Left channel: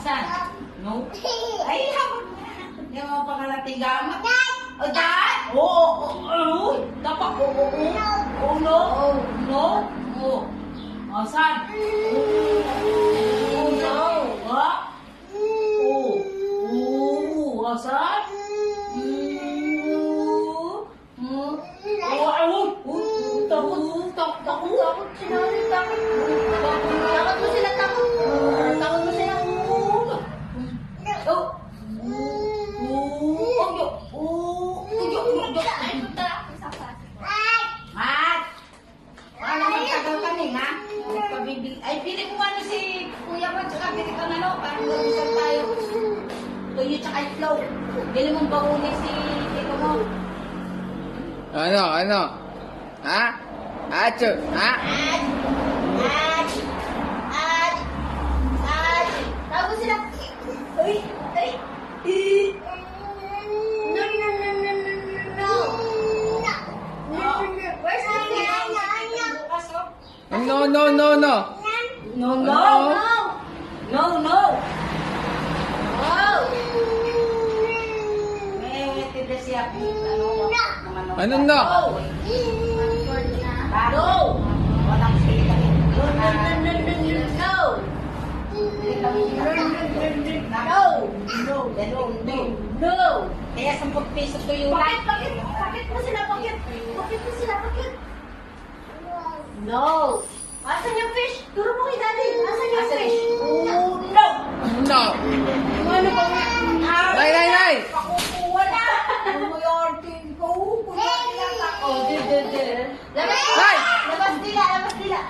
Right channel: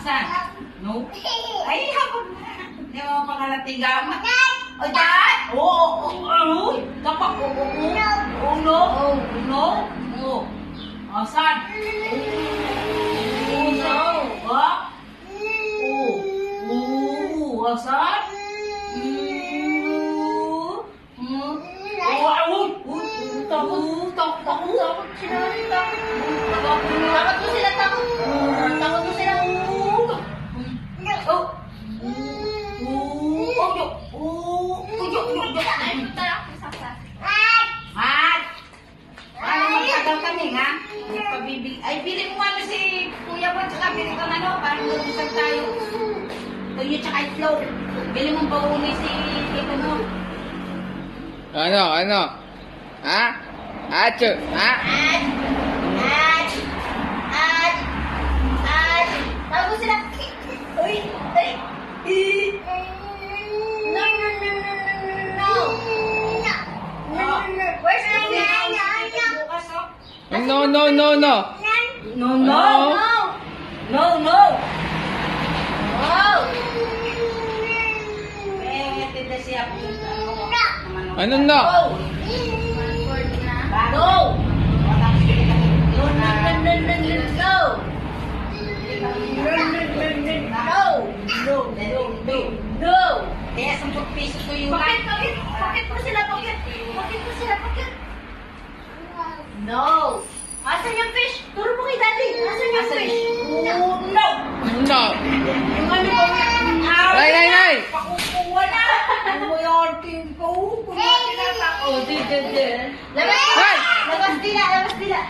Asan? No? Ay, habang hindi mo pangalatiga. O, dad? Oo. Dapat, oo. No? No? Oo. Asan? Oo. No? Ha? Oo. Asan? Takot sila. Takot mo sila, takot. Takot mo sila. Ay, punta lang ako sa class. Ay, bili mo ano si Kuya mo, tsaka bili ko ano, parang nag-usap tayo. Tuyo tsaka itlog. Bili mong baumi si ito mo. Ano? Ha? Acho? Ha? Takot mo sila. Uy, ay. No. Where's my Bukas, oh. No. No, no. Ano? No. Oh. Eh, tinda siya. Ano na? No. No. Kaya 10 piso to yung Bakit mo sila? Bakit mo sila? Bakit? No. Asan yung fish? Turo mo kay daddy. Asan yung fish? No. No. Yung ano ba? Nay! Pakukuha na. Ano mo yung team ko? Kunwari lang ako. Labas Hey! Labas dila. Labas dila.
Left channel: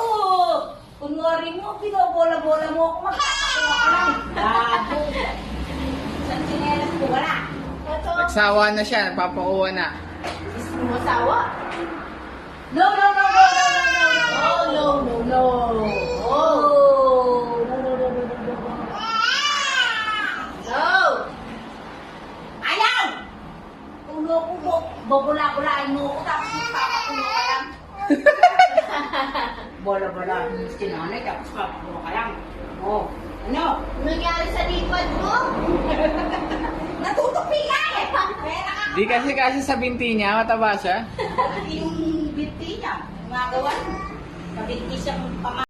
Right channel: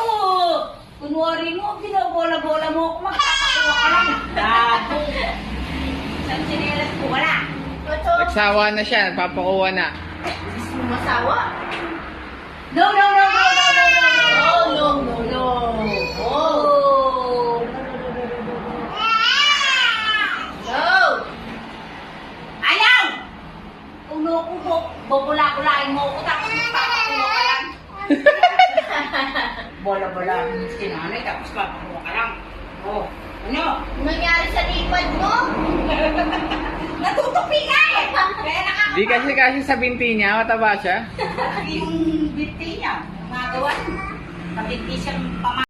Oo. Kunwari mo, binobola-bola mo ako. Magkakakuha ka lang. Gago. Isang sinelas ko, wala. Nagsawa na siya, nagpapakuha na. Masawa? No. No. Ayaw! Ulo, bobula-bulain mo ako, tapos magpapakuha ka lang. Bola-bola, sinanay, tapos papakuha ka lang. Oh, ano? Anong nangyari sa lipad mo? Natutupi ka eh! Kaya Di kasi sa binti niya, mataba siya. yung binti niya, magawa. Sa binti siyang